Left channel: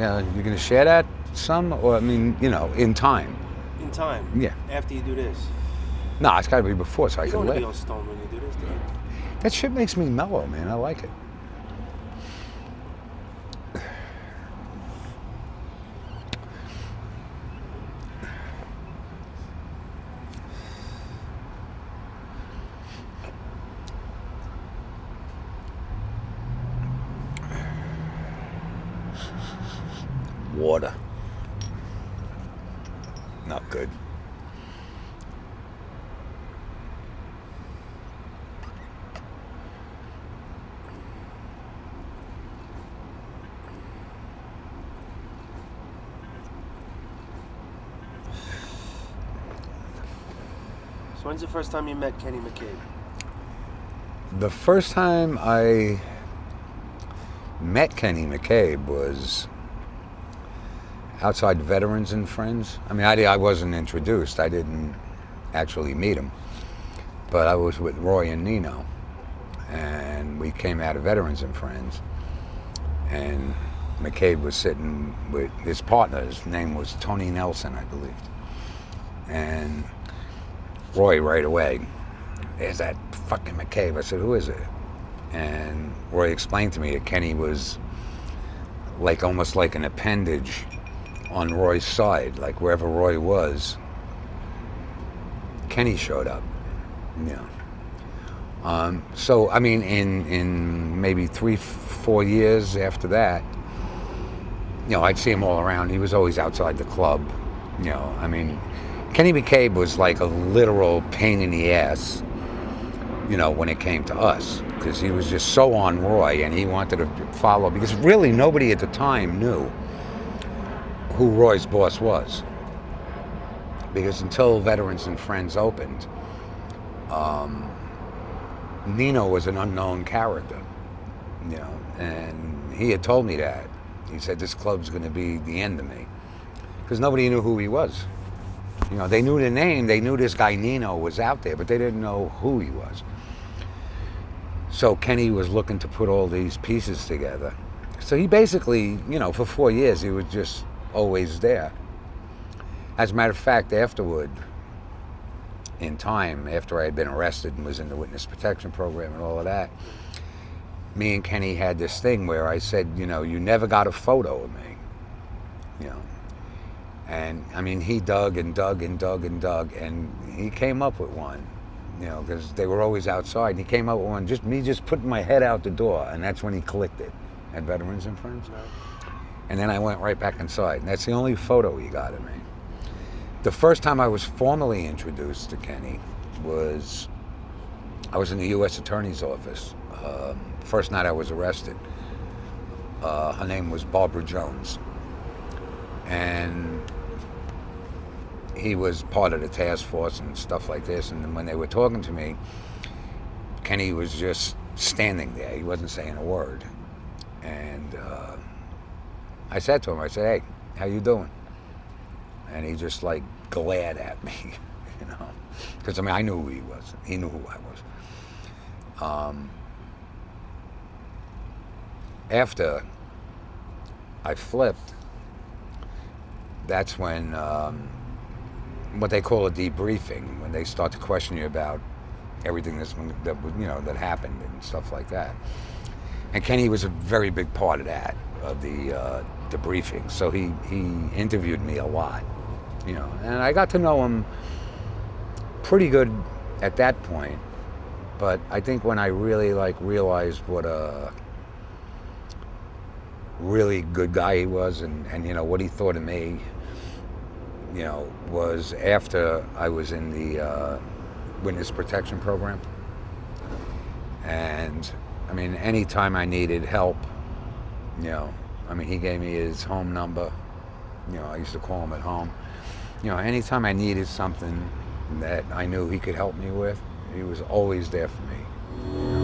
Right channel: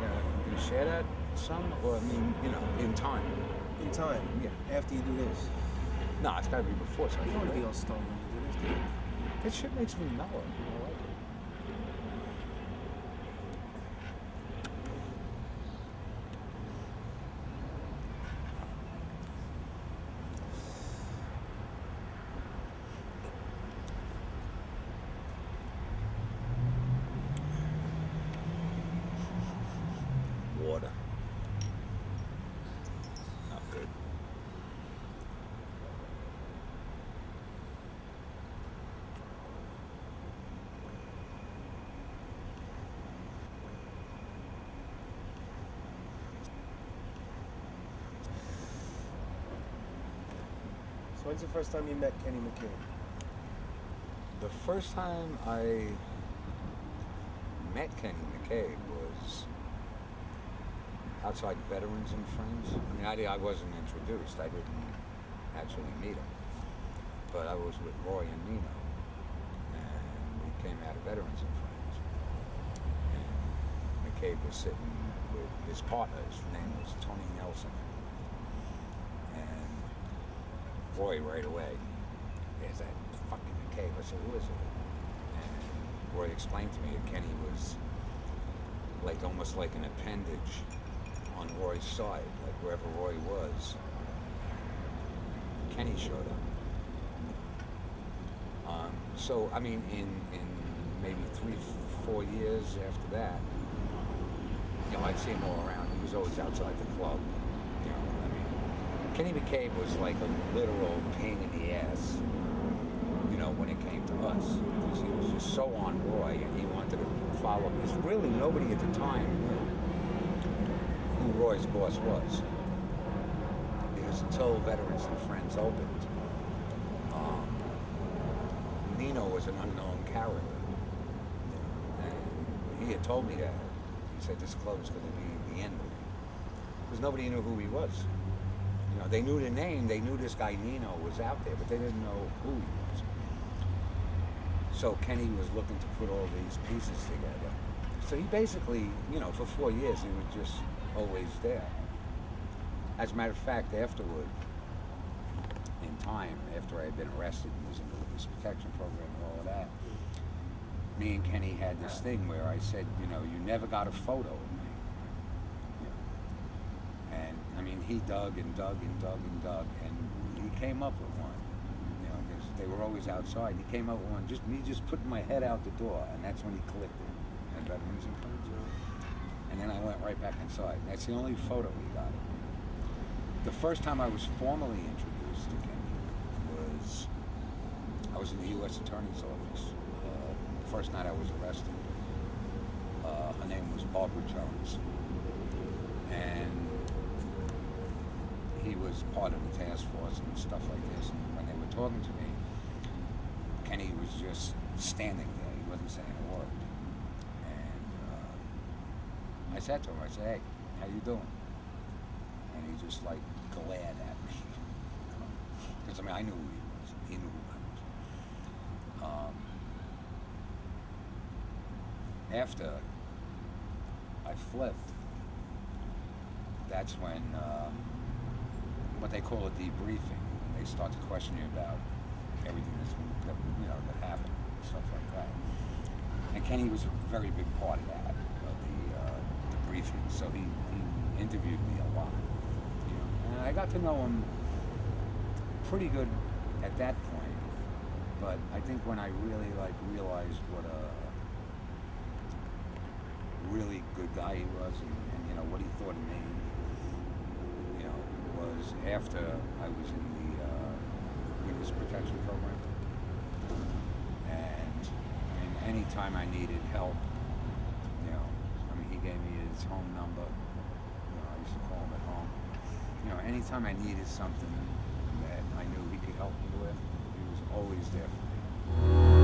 You're going to share that some? Or, I mean, in time. In time? Yeah. After you do this? No, it's got to be before so I You can don't want to live. be on stone when you do this, do you? That shit makes me mellow, man. I like it. Water. Not good. So when's the first time you met Kenny McCabe? The first time I met Kenny McCabe was outside Veterans and Friends. I mean, I wasn't introduced. I didn't actually meet him. But I was with Roy and Nino. And we came out of Veterans and Friends. And McCabe was sitting with his partner. His name was Tony Nelson, I believe. And Roy right away, "There's that fucking McCabe." I said, "Who is it?" And Roy explained to me that Kenny was like almost like an appendage on Roy's side, like wherever Roy was, Kenny showed up. So I mean, in maybe 3-4 years after that, I'd see him all around. He was always outside the club. I mean, Kenny McCabe was like a literal pain in the ass, when it came to us, because he was just so on Roy and he wanted to follow, because really nobody at the time knew who Roy's boss was. Because until Veterans and Friends opened, Nino was an unknown character, and he had told me that. He said, "This club's going to be the end of me," because nobody knew who he was. They knew the name, they knew this guy Nino was out there, but they didn't know who he was. So Kenny was looking to put all these pieces together. So he basically, for 4 years, he was just always there. As a matter of fact, afterward, in time, after I had been arrested and was in the witness protection program and all of that, me and Kenny had this thing where I said, "You never got a photo of me." And I mean, he dug and dug and dug and dug, and he came up with one, because they were always outside. And he came up with one, just putting my head out the door, and that's when he clicked it at Veterans and Friends. No. And then I went right back inside, and that's the only photo he got of me. The first time I was formally introduced to Kenny was, I was in the U.S. Attorney's Office. First night I was arrested. Her name was Barbara Jones. And he was part of the task force and stuff like this. And then when they were talking to me, Kenny was just standing there. He wasn't saying a word. And I said to him, "Hey, how you doing?" And he just like glared at me, because I mean, I knew who he was. He knew who I was. After I flipped, that's when what they call a debriefing, when they start to question you about everything that happened and stuff like that. And Kenny was a very big part of that, of the debriefing. So he interviewed me a lot, and I got to know him pretty good at that point. But I think when I really realized what a really good guy he was, and what he thought of me, was after I was in the witness protection program. And I mean, anytime I needed help, he gave me his home number. I used to call him at home. Anytime I needed something that I knew he could help me with, he was always there for me.